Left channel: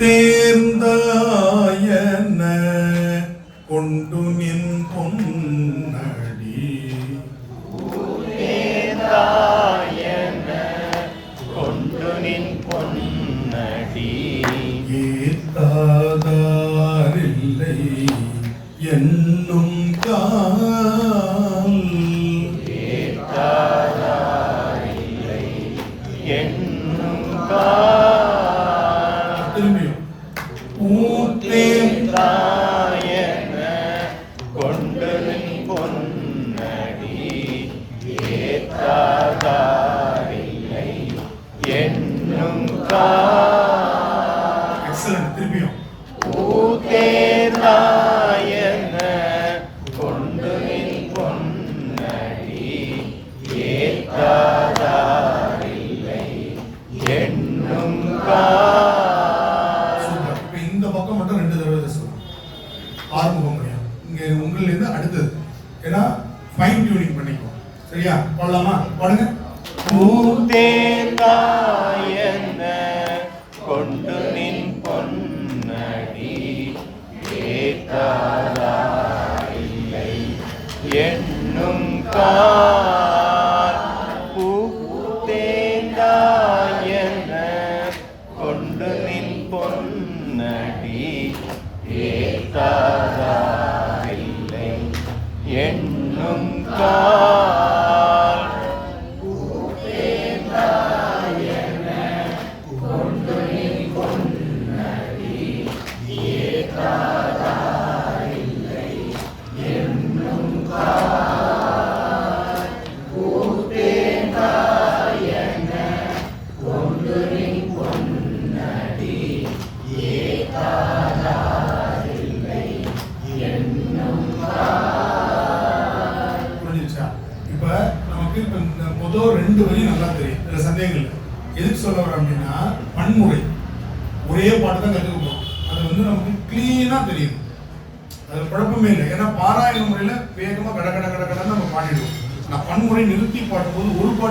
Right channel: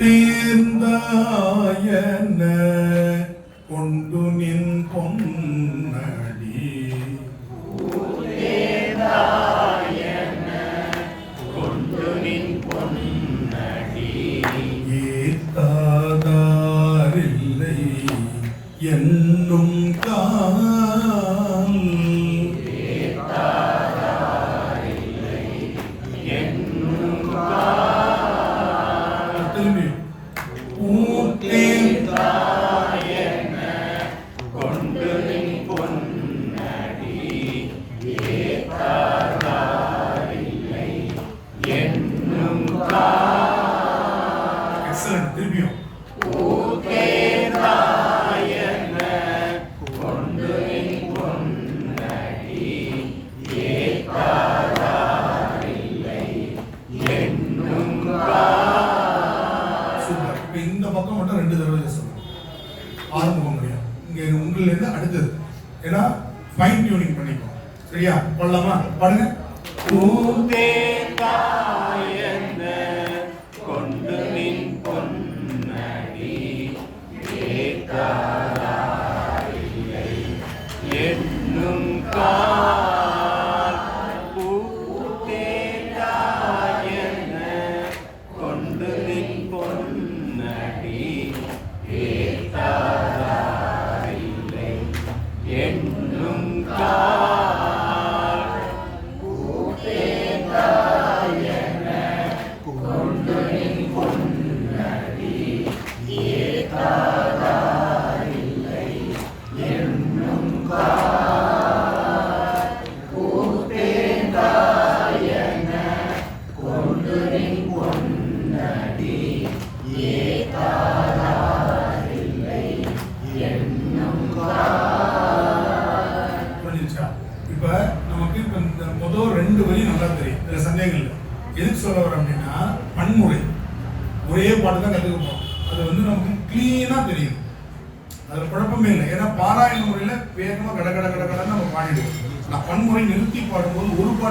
தேர்ந்தாயன கொண்டு நின் பொன்னடி ஏத்தாதாரில்லை என்னும் கால் எக்ஸலன்ட். திரும்பியும் இந்த பக்கம் மட்டும் 2 தடவை சொல்லணும். ஆரம்பம் முடியும் இங்க உங்களிலிருந்து அடுத்தது. ஏன்னா ஃபைன் டியூனிங் பண்ணிக்கோ. சரியா? பாடலாமா? பாடுங்க. கொண்டு நின் பொன்னடி ஏத்தாதாரில்லை என்னும் பூத்தேந்தாயன கொண்டு நின் பொன்னடி ஏத்தாதாரில்லை என்னும் இப்ப நமக்கு இந்த முதல் 2 வரி நல்லா தெரியும். இதுல சந்தேகம் இல்லை. எதுக்கு சொல்ல வரோம் அப்படின்னா பன்முறை ஒரே பாட்டு தான் கற்றுக்க போறோம். அது நமக்கு கிளீனா தெரியும். அதுல குழப்பமே இல்லை. ஏன்னா பாராயண முறையில வேகமா கட கட கட கடன்னு நம்ம பாடிடுவோம். நான் பன்முறை நிறுத்தி பாடும்போது ஒரு பாட்டு